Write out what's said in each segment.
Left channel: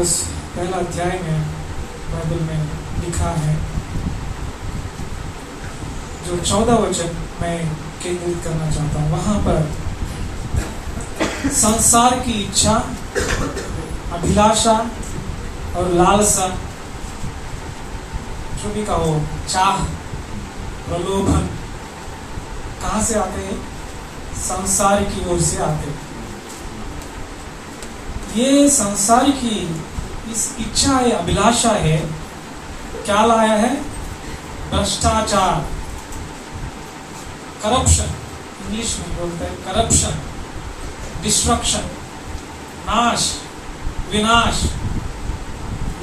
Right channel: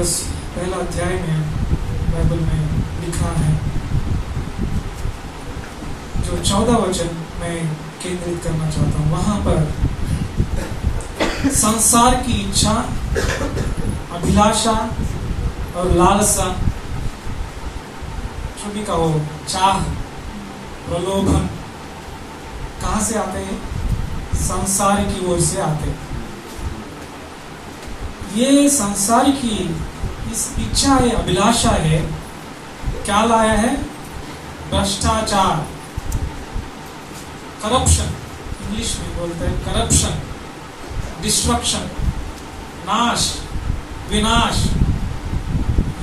पत्रस पहला अध्याय में बाइबल में लिखा है, जो 14 वचन मैं केंद्रित करना चाहता हूँ। वहां पर संसार की इच्छा, अभिलाषा और लालसा, जो भी कहो, चाह, प्रलोभन कहां से आते हैं? संसार की ओर से आते हैं। ये संसार की इस इच्छा है, अभिलाषा है, क्या लाया है? भ्रष्टाचार, करप्शन, इंग्लिश में बोलते हैं करप्शन, डिस्ट्रक्शन, नाश, विनाश,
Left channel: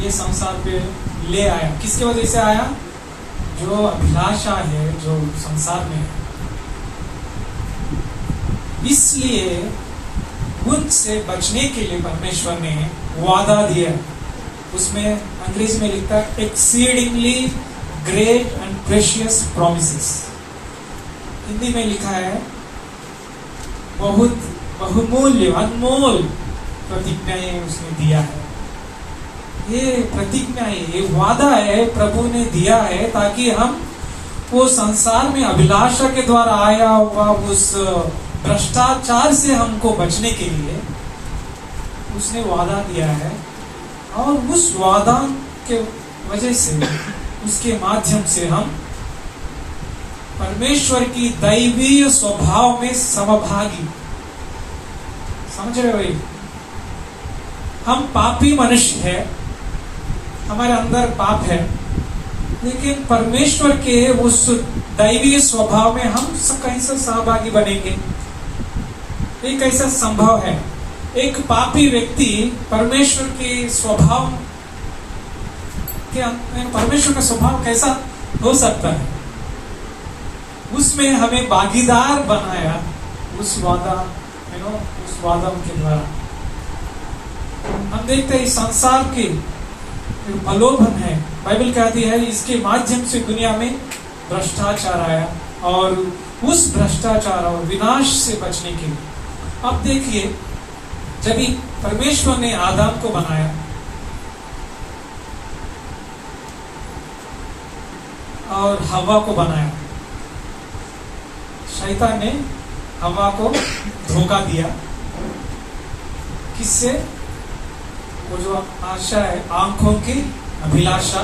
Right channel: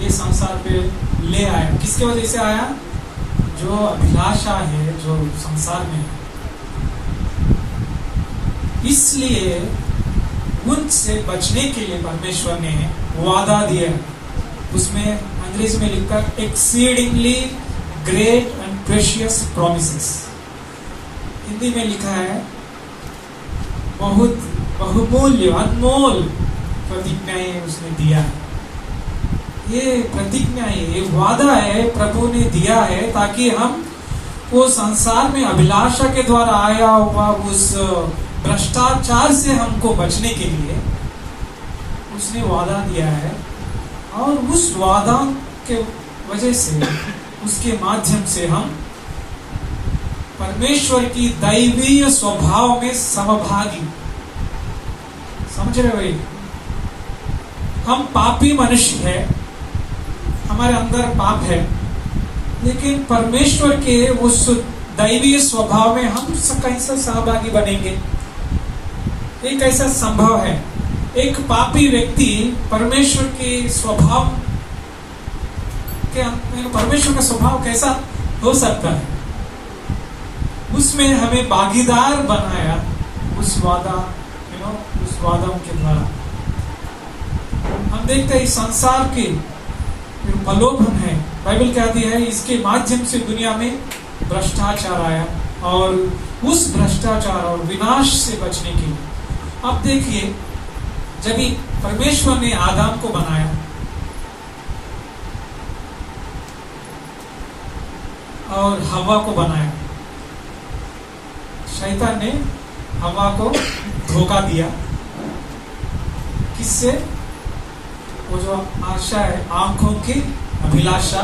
ये संसार पे ले आया। किसके वजह से आया? जो अभिलाषा है जो संसार में है। इसलिए उनसे बचने के लिए परमेश्वर ने वादा दिया। उसमें अंग्रेजी में लिखा है exceedingly great and precious promises. Hindi में लिखा है बहुत बहुमूल्य, अनमोल प्रतिज्ञाएं उसने दिया है। ये प्रतिज्ञाएं, ये वादा है प्रभु ने दिया है, ताकि हम वो संसार में अभिलाषा के द्वारा आया हुआ उस भ्रष्टाचार से हमको बचने के लिए उसने वादा दिया है। और उस वादा के वजह से, उसके माध्यम से हम परमेश्वर की दैवीय स्वभाव में समभागी। समझ रहे हो? हम पापी मनुष्य है, हमारे अंदर पाप है, लेकिन परमेश्वर के उस दैवीय स्वभाव में हम कैसे सहभागी बनेंगे? ये कैसा संभव है? एक पापी व्यक्ति परमेश्वर के स्वभाव परमेश्वर का स्वभाव कैसा हो सकता है? उसमें हमें भागीदार बनाया उस वादा के द्वारा। हम देखते हैं संसार के प्रलोभन है, बाइबल कहती है इसके माध्यम से दुनिया में भ्रष्टाचार आया, और उस भ्रष्टाचार और विनाश से बचने के लिए अब देखिए, जब परमेश्वर ने आदम को बनाया और हवा को बनाया, शैतान ने हवा को धोखा दिया। किससे? वो जो आशा है, आंखों की अभिलाषा,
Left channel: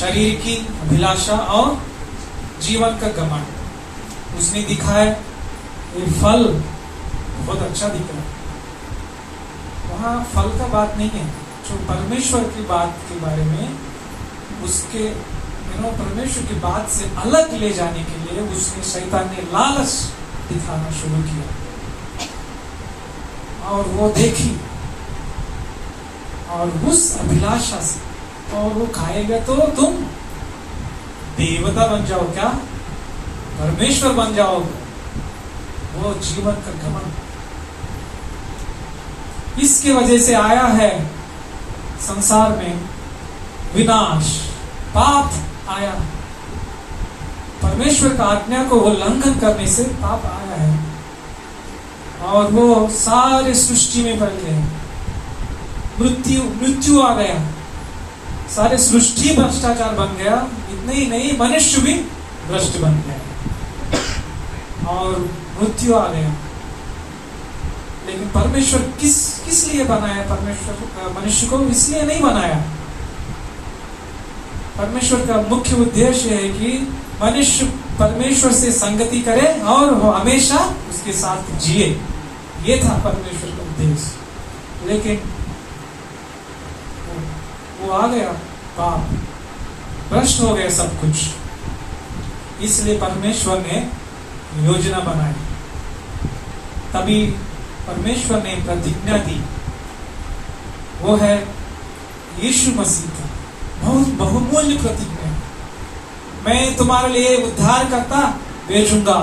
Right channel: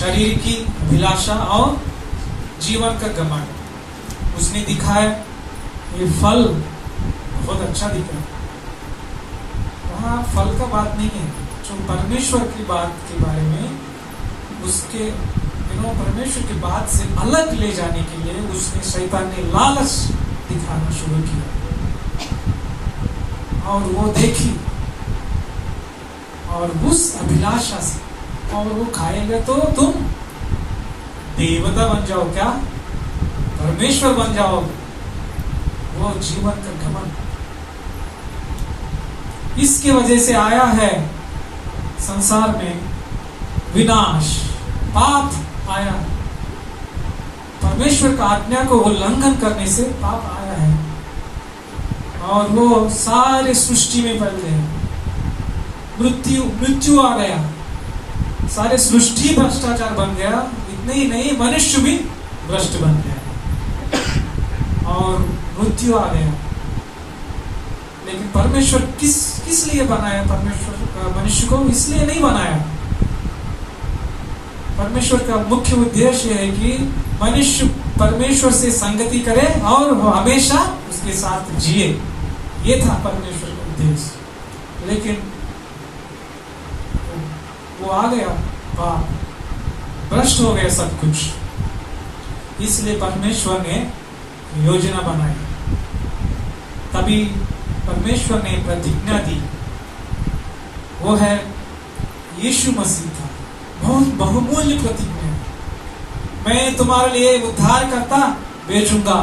शरीर की अभिलाषा और जीवन का घमंड। उसने दिखाया ये फल बहुत अच्छा दिख रहा है। वहां फल का बात नहीं है, जो परमेश्वर की बात के बारे में, उसके परमेश्वर की बात से अलग ले जाने के लिए उसने, शैतान ने लालच दिखाना शुरू किया। और वो देखी और उस अभिलाषा से, और वो खाएंगे तो तुम देवता बन जाओ, क्या परमेश्वर बन जाओगे। वो जीवन का घमंड, इसके वजह से आया है संसार में विनाश, पाप आया। परमेश्वर का आज्ञा को उल्लंघन करने से पाप आया है, और वो सारे सृष्टि में फैल गए। मृत्यु आ गया, सारे सृष्टि भ्रष्टाचार बन गया। इतने ही नहीं, मनुष्य भी भ्रष्ट बन गया और मृत्यु आ गया। लेकिन परमेश्वर किस लिए बनाया? परमेश्वर मनुष्य को इसलिए नहीं बनाया। परमेश्वर का मुख्य उद्देश्य है कि मनुष्य परमेश्वर से संगति करे और वो हमेशा उसके साथ जिए। ये था परमेश्वर का उद्देश्य। लेकिन वो आ गया, पाप, भ्रष्ट हो गया सब कुछ। इसलिए परमेश्वर ने योजना बनाई। तभी परमेश्वर ने प्रतिज्ञा दी, वो है यीशु मसीह का बहुत बहुमूल्य प्रतिज्ञा। मैं तुम्हारे लिए उद्धार करता भेजूंगा,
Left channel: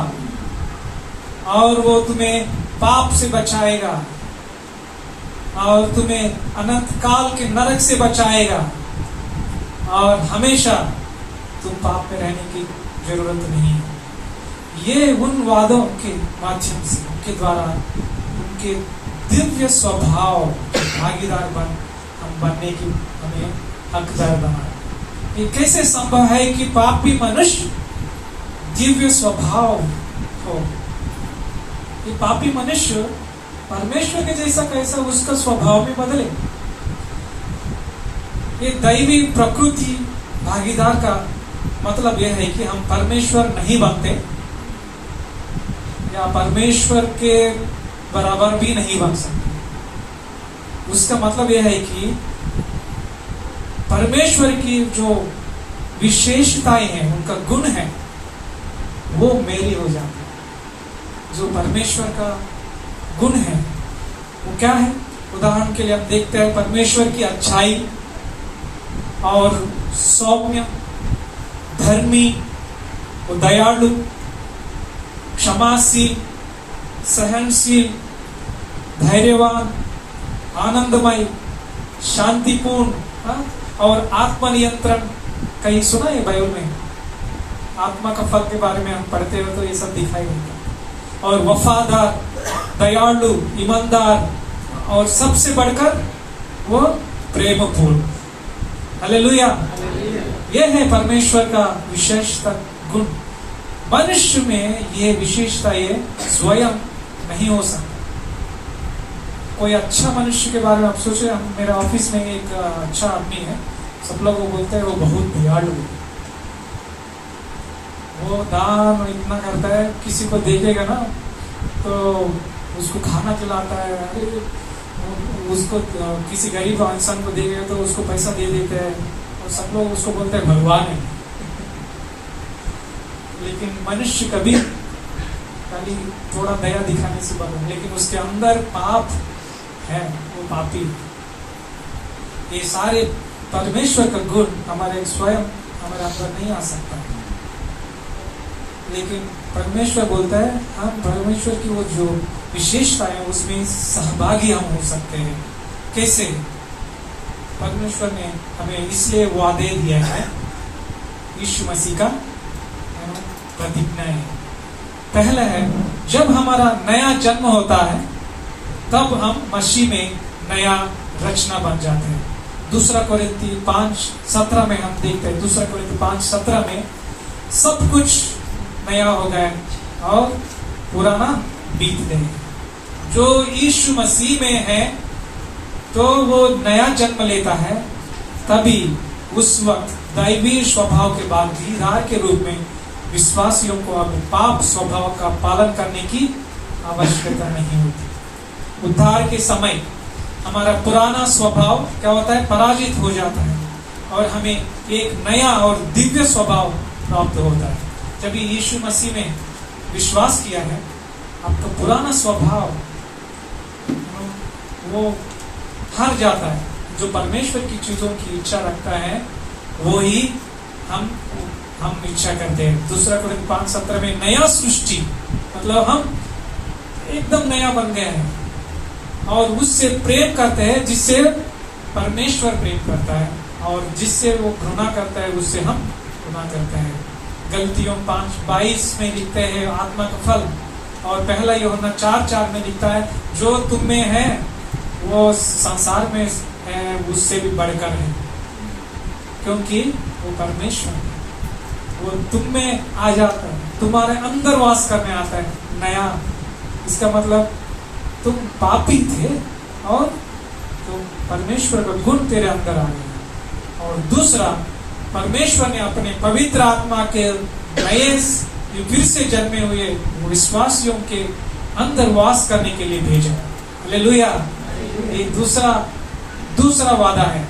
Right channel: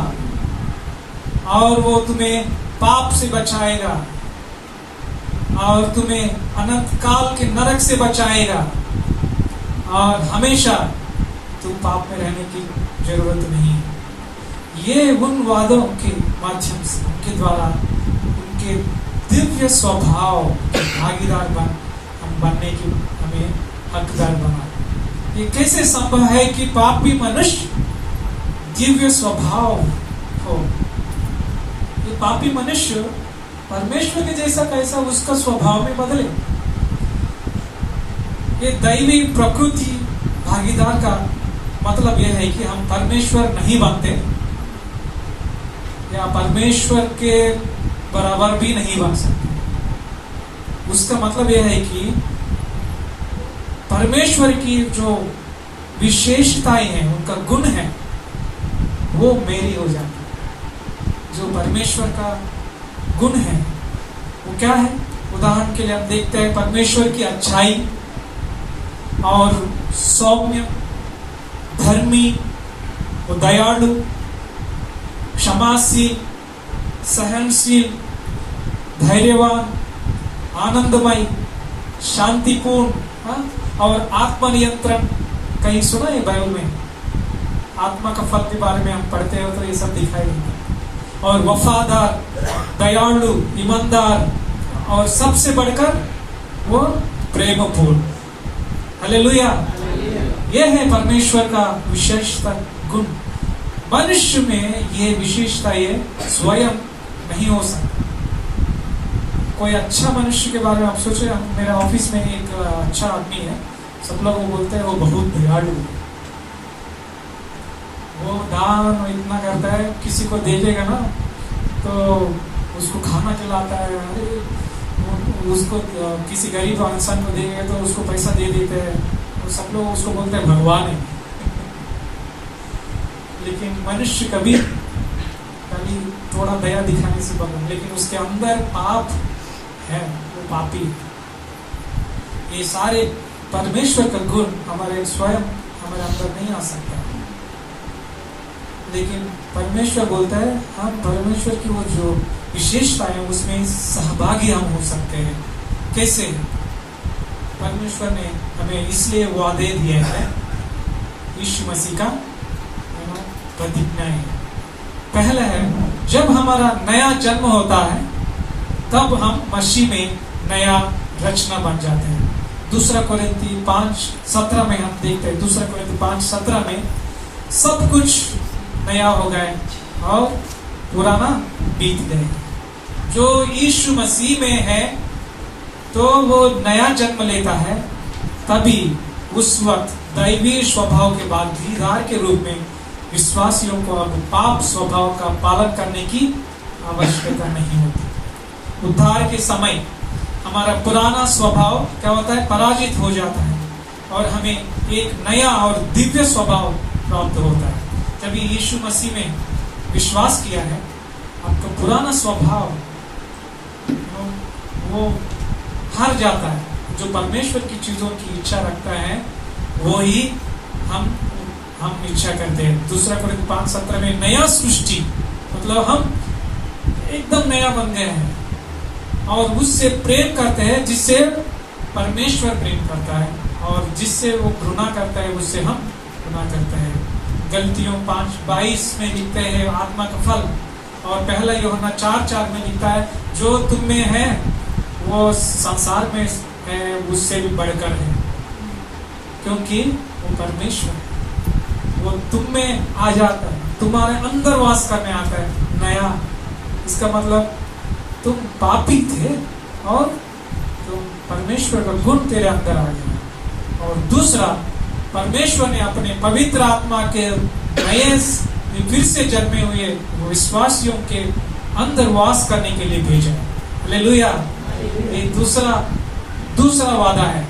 और वो तुम्हें पाप से बचाएगा, और तुम्हें अनंत काल के नरक से बचाएगा, और हमेशा तुम पाप में रहने की जरूरत नहीं है। ये उन वादों के माध्यम से, उनके द्वारा, उनके दिव्य स्वभाव के भागीदार बन हम बनने की हमें हकदार बना। ये कैसे संभव है कि पापी मनुष्य दिव्य स्वभाव हो? ये पापी मनुष्य परमेश्वर के जैसा कैसा उसका स्वभाव में बदले? ये दैवी प्रकृति भागीदार का मतलब यह है कि हम परमेश्वर नहीं बनते या परमेश्वर के बराबर भी नहीं बन सकते। उसका मतलब यह है कि परमेश्वर की जो विशेषताएं हैं, उनका गुण है, वो मेरी हो जाती है। जो परमेश्वर का गुण है वो क्या है? उदाहरण के लिए हम देखते हैं परमेश्वर की अच्छाई और सौम्य, धर्मी, दयालु, क्षमाशील, सहनशील, धैर्यवान, आनंदमय, शांतिपूर्ण और आत्मनियंत्रण। कहीं सुना है बाइबल में? आत्मा का फल के बारे में हम पढ़ते हो तो ये सब दिखाई देता। और वफादार, दयालु, ईमानदार और सबसे बढ़कर वो प्रेमपूर्ण। हालेलुया। यह है परमेश्वर का विशेषता गुण। मनुष्य में ये विशेषता ये स्वयं नहीं हो सकता। कोई अच्छा मनुष्य के बारे में आप सोचे, मेरे ऑफिस में एक अच्छा आदमी है, सब लोग वो बोलते हैं वो बहुत दयालु है, वो दान इतना करता है, किसी को देखेगा ना तो उसको खाना खिलाता है, उसको किसी गरीब इंसान को देगा तो उसको पैसा दे देते हैं, तो सब लोग उसको बोलते हैं भगवान है। लेकिन मनुष्य कभी खाली थोड़ा दया दिखाने से बना, लेकिन उसके अंदर पाप है, वो पापी। ये सारे परमेश्वर का गुण हमारे स्वयं हमारे अंदर नहीं आ सकता, लेकिन परमेश्वर बोलता है हम परमेश्वर की वो जो विशेषता है उसमें सहभागी हम हो सकते हैं। कैसे? परमेश्वर ने हमें इसलिए वादे दिया है, यीशु मसीह का प्रतिज्ञा है। पहला है, जब हमारा नया जन्म होता है तब हम मसीह में नया रचना बन जाते हैं। 2 कोरिन्थी 5:17 में हम देखते हैं, 2 कोरिन्थी 5:17 में सब कुछ नया हो गया और पुराना बीत गया। जो यीशु मसीह में है तो वो नया जन्म लेता है, तभी उस वक्त दैवीय स्वभाव के बाद धीरार के रूप में विश्वासियों को अब पाप स्वभाव का पालन करने की आवश्यकता नहीं होती। उद्धार के समय हमारा पुराना स्वभाव क्या होता है? पराजित हो जाता है और हमें एक नया और दिव्य स्वभाव प्राप्त होता है। जब यीशु मसीह में विश्वास किया है, आपका पुराना स्वभाव वो हार जाता है। जो परमेश्वर की चीजों की इच्छा रखता है वो ही हम इच्छा करते हैं। 2 कोरिन्थी 5:17 में नया सृष्टि मतलब हम एकदम नया बन गए हैं और उससे प्रेम करते हैं जिससे परमेश्वर प्रेम करता है, और जिससे वो घृणा करता है उससे हम घृणा करते हैं। गलतियों 5:22 में लिखते हैं आत्मा का फल, और पहला यूहन्ना 4:4 में लिखता है जो तुम में है वो संसार में है उससे भी बढ़कर है, क्योंकि वो परमेश्वर वो तुम में आ जाता है, तुम्हारे अंदर वास करने आता है नया। इसका मतलब तुम पापी थे और तुम परमेश्वर का गुण तेरे अंदर आ गया। और दूसरा, परमेश्वर ने अपने पवित्र आत्मा के नए फिर से जन्मे हुए विश्वासियों के अंदर वास करने के लिए भेजा। हालेलुया। ये दूसरा वादा है।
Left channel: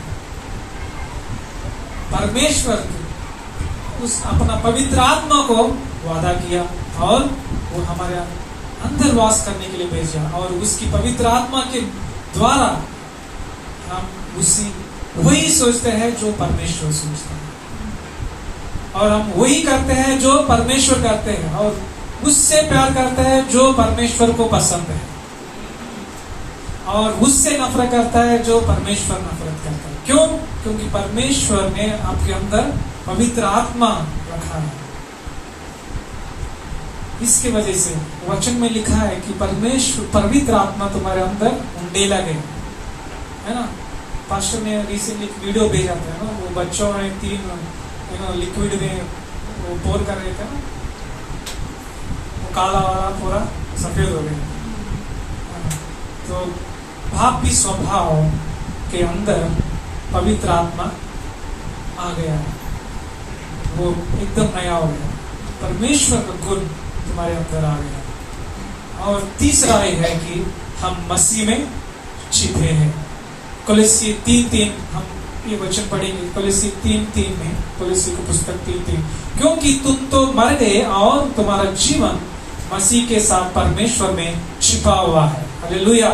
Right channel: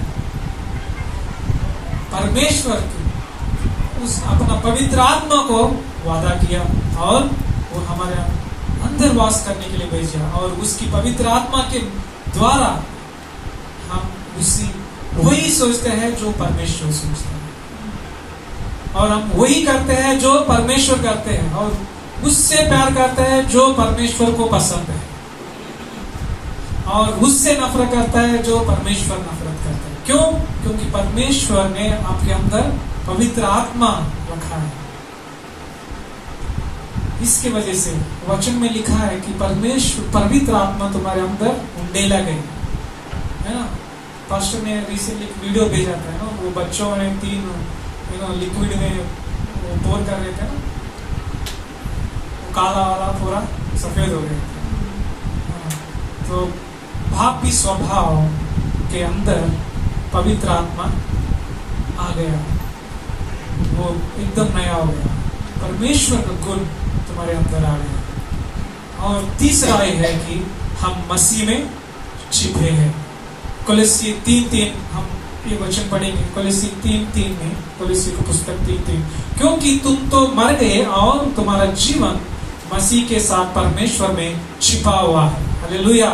परमेश्वर उस अपना पवित्र आत्मा को वादा किया और वो हमारे अंदर वास करने के लिए भेजा, और उसकी पवित्र आत्मा के द्वारा हम वही सोचते हैं जो परमेश्वर सोचता है, और हम वही करते हैं जो परमेश्वर करते हैं, और उससे प्यार करते हैं जो परमेश्वर को पसंद है, और उससे नफरत करता है जो परमेश्वर नफरत करता है। क्यों? क्योंकि परमेश्वर ने आपके अंदर पवित्र आत्मा रखा है। इसके वजह से वचन में लिखा है कि परमेश्वर पवित्र आत्मा तुम्हारे अंदर उंडेला गई है ना। पास्टर ने रिसेंटली एक वीडियो भेजा था ना, वो बच्चों ने 3 लिक्विड में वो पोर कर रहे थे ना, वो काला वाला पूरा सफेद हो गया। तो पापी स्वभाव के अंदर पवित्र आत्मा आ गया, वो एकदम नया हो गया, परमेश्वर का गुण तुम्हारे अंदर आ गया। और तीसरा ये है कि हम मसीह में छिपे हैं। कोलोसी 3:3 हम ये वचन पढ़ेंगे, कोलोसी 3:3 में, कोलोसी की पुस्तक 3:3, क्योंकि तुम तो मर गए और तुम्हारा जीवन मसीह के साथ परमेश्वर में छिपा हुआ है। हालेलुया।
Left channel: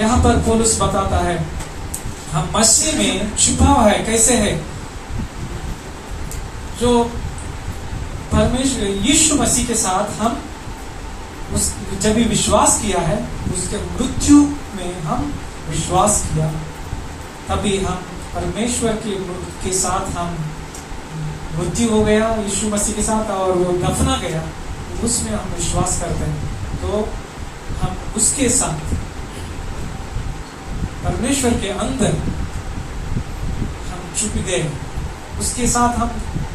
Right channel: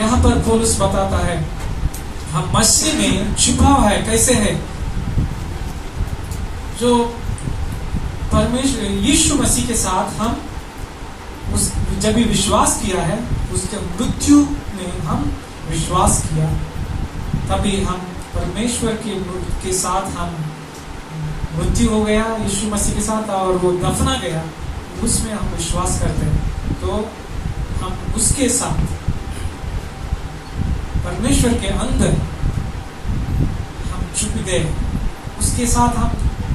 यहाँ पर पौलुस बताता है हम मसीह में छिपा हुआ है। कैसे है? जो परमेश्वर यीशु मसीह के साथ हम जब भी विश्वास किया है, उसके मृत्यु में हम विश्वास किया, तभी हम परमेश्वर के साथ हम मृत्यु हो गया यीशु मसीह के साथ, और वो दफना गया, उसमें हम विश्वास करते हैं। तो हम उसके साथ परमेश्वर के अंदर हम छुप गए, उसके साथ हम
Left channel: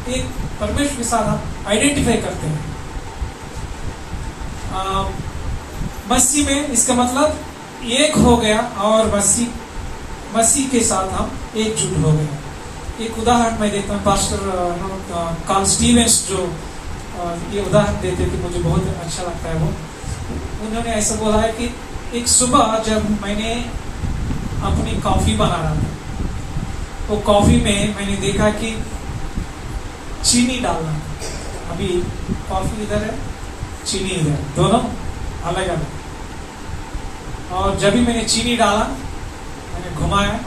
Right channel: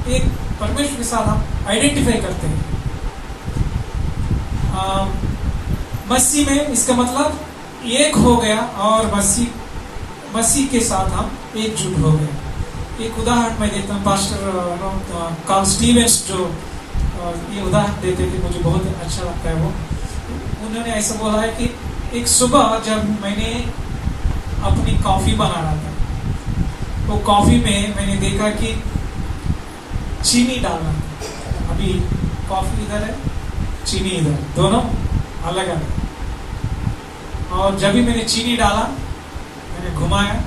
एक परमेश्वर के साथ हम आइडेंटिफाई करते हैं। मसीह में इसका मतलब एक हो गया, और मसीह के साथ हम एकजुट हो गए। एक उदाहरण मैं देता हूँ, पास्टर कार्ल स्टीवेंस जो ये उदाहरण देते कि मुझे बहुत अच्छा लगता है। वो उन्होंने ऐसा बोला है कि एक सुबह जब मैंने अपनी कॉफी बना रहा था, वो कॉफी में मैंने देखा कि चीनी डालना, अभी कॉफी इधर है, चीनी इधर, दोनों अलग अलग। और जब भी मैंने चीनी डाला, मैंने घुमाया,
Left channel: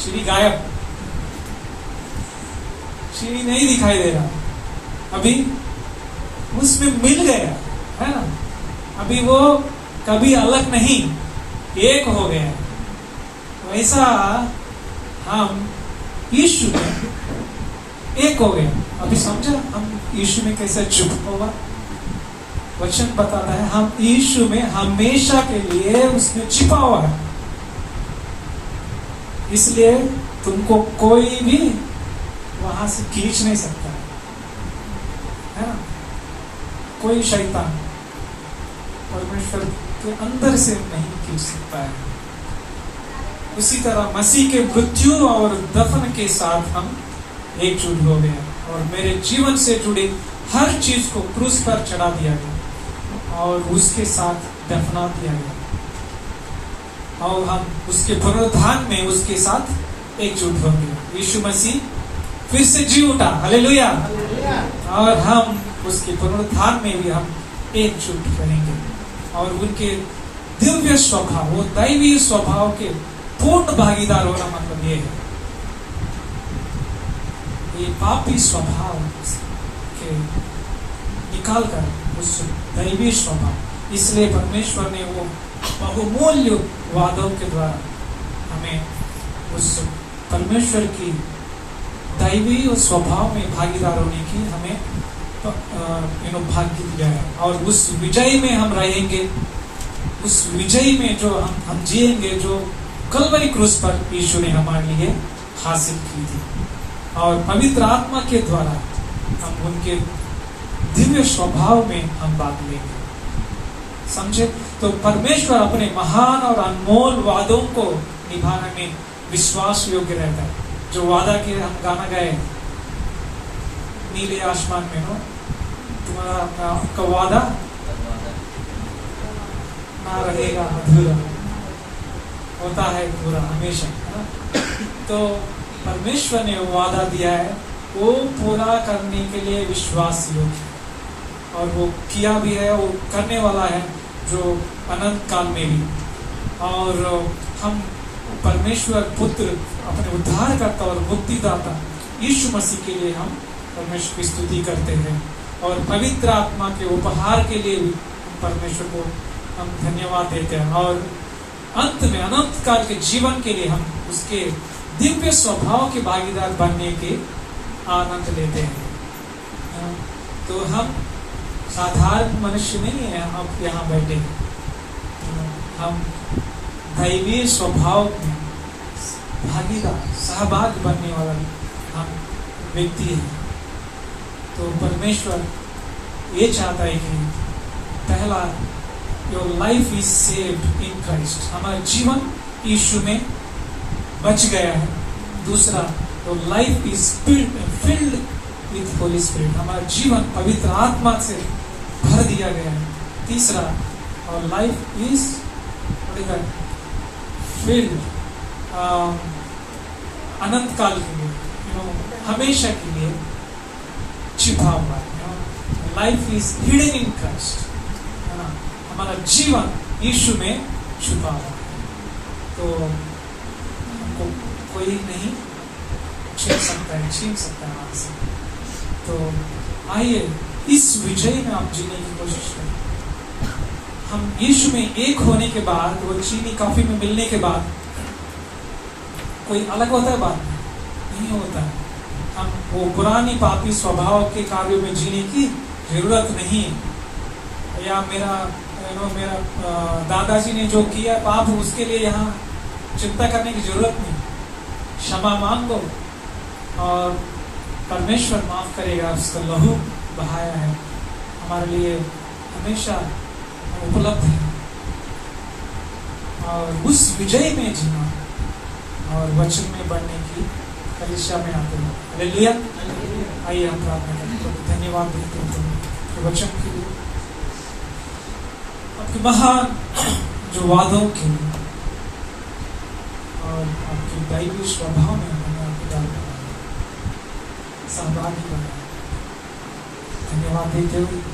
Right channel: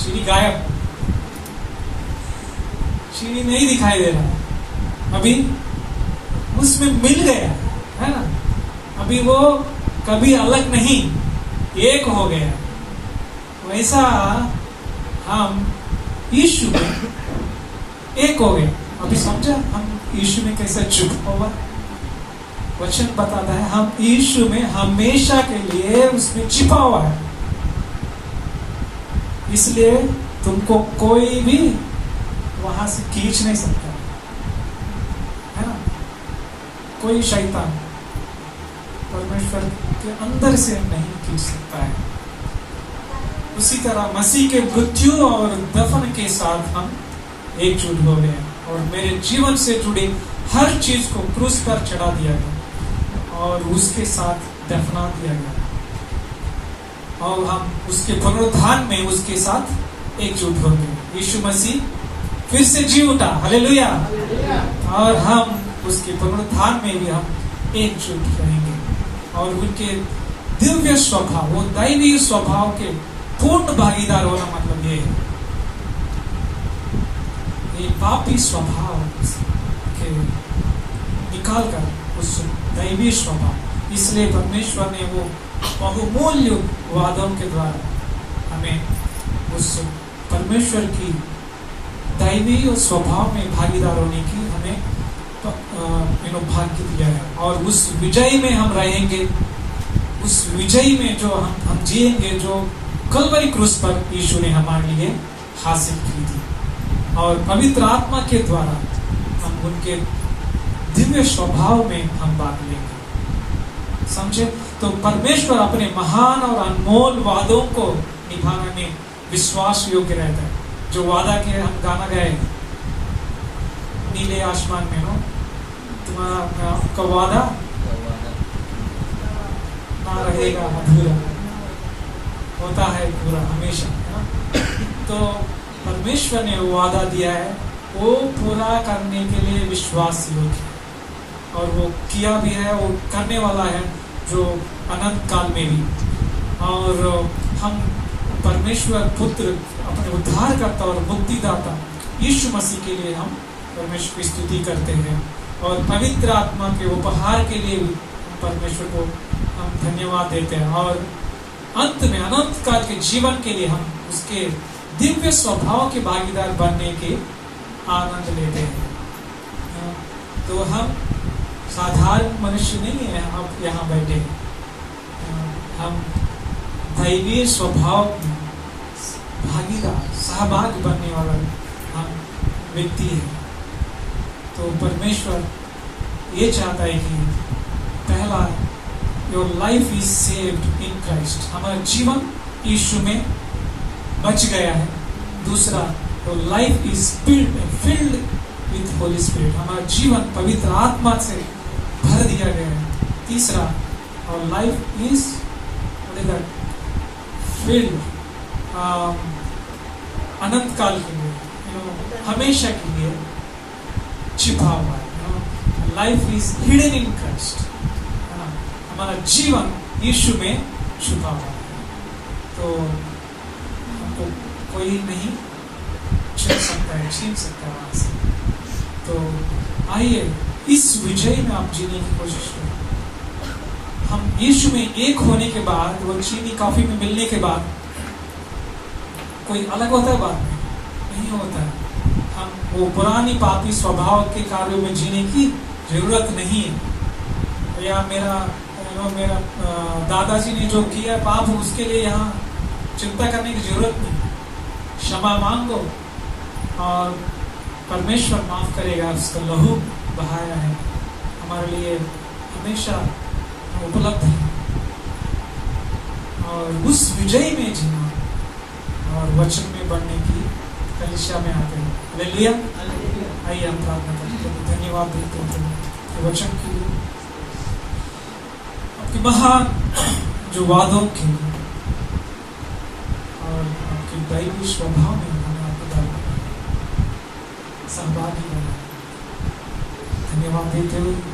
चीनी गायब, चीनी नहीं दिखाई दे रहा। अभी उसमें मिल गया है ना, अभी वो कभी अलग नहीं, एक हो गया। वैसा हम यीशु में एक हो गया। अभी समझा हम यीशु में कैसे चुप होगा? वचन बताता है हम यीशु में हमेशा के लिए उसमें छिपा हुआ है, इसलिए तुमको कोई भी वहां से खींच नहीं सकता है ना। कोई शैतान परमेश्वर के अंदर से नहीं खींच सकता है। उसी तरह मसीह के मृत्यु और दफन के साथ हम एकजुट हो गए, और मेरे जीवन से जुड़े हर चीज को क्रूस पर चढ़ा दिया गया और उसके साथ दफना दिया गया, और हम उसके पुनरुत्थान में उसके साथ एकजुट हो गए। यीशु मसीह फिर से जी उठा, हालेलुया, और हम उसके पुनरुत्थान में भी हम एकजुट रहेंगे, और उनके दिव्य स्वभाव, वो दैवीय स्वभाव के पूर्ण भागीदार होना मतलब ये है। ये पापी स्वभाव के निकाल कर उस दैवीय स्वभाव, इसलिए परमेश्वर ने वो बहुमूल्य वादों के द्वारा हमें उस परमेश्वर की दैवीय स्वभाव में भागीदार होने की हमें भाग्य दिया है, और उस विजय में हम रहेंगे। उस विजय में जो हम जिएंगे, जो कलवरी क्रूस पर यीशु ने हमारे लिए हासिल की थी, और पवित्र आत्मा के द्वारा हम उनके दिव्य स्वभाव में हम भाग लेंगे। समझे? तो परमेश्वर अपने महान और अनमोल वादों को निभाने में विश्वास योग्य रहता है। जो वादा के हम गाना गाए, नीले आसमान में हो तुम्हारा आपका वादा ना रहेगा अधूरा, होता है पूरा हमेशा, है ना। तो परमेश्वर ने वो वादा दिया है, वो पूरा करने के लिए विश्वास योग्य, और वो किया भी है, वो करने वाला है, जो अनंत काल में भी। और हम परमेश्वर पुत्र, अपने उद्धारकर्ता और मुक्तिदाता यीशु मसीह के लिए हम परमेश्वर की स्तुति करते हैं, और पवित्र आत्मा के उपहार के लिए भी परमेश्वर को हम धन्यवाद देते हैं, और अंत में अनंत काल के जीवन के लिए हम उसके दिव्य स्वभाव के भागीदार बनने के आनंद लेते हैं। तो हम साधारण मनुष्य नहीं है, हम यहाँ बैठे, हम दैवीय स्वभाव में भागीदार सहभागी बनने वाला हम व्यक्ति है। तो परमेश्वर ये चाहता है कि पहला, your life is saved in Christ, हमारा जीवन यीशु में बच गया है। दूसरा, your life is filled with Holi spirit, हमारा जीवन पवित्र आत्मा से भर दिया गया है। तीसरा, और लाइफ इज फील्ड अनंत काल के लिए, हमेशा के लिए छिपा हुआ है। Life is hidden in Christ, हमारा जीवन यीशु में छुपा हुआ है। तो हमको कोई नहीं छीन सकता वहां से। तो आइए इस विजय में आप जीने की कोशिश करें। हम यीशु में एक होने के बाद, वो चीनी कॉफी में मिलने के बाद कोई अलग होता है? बात नहीं होता। हम वो पुरानी पापी स्वभाव के कार्यों में जीने की जरूरत नहीं है। या मेरा दादाजी ने जो किया पाप, उसके लिए यहाँ चिंता करने की जरूरत नहीं। क्षमा मांगो और परमेश्वर माफ करेगा। उसका लहू बहाया है, हमारे लिए हमेशा उपलब्ध है। और उस विजय में जीना और वचन में बढ़ने की कलिसिया में आते हैं। हालेलुया। आइए हम प्रार्थना करते हैं। धन्यवाद देते हैं वचन के लिए, आपके महान जो वादों के लिए और आपकी दैवीय स्वभाव में हमें आपको सहभागी बनाया। धन्यवाद देते हुए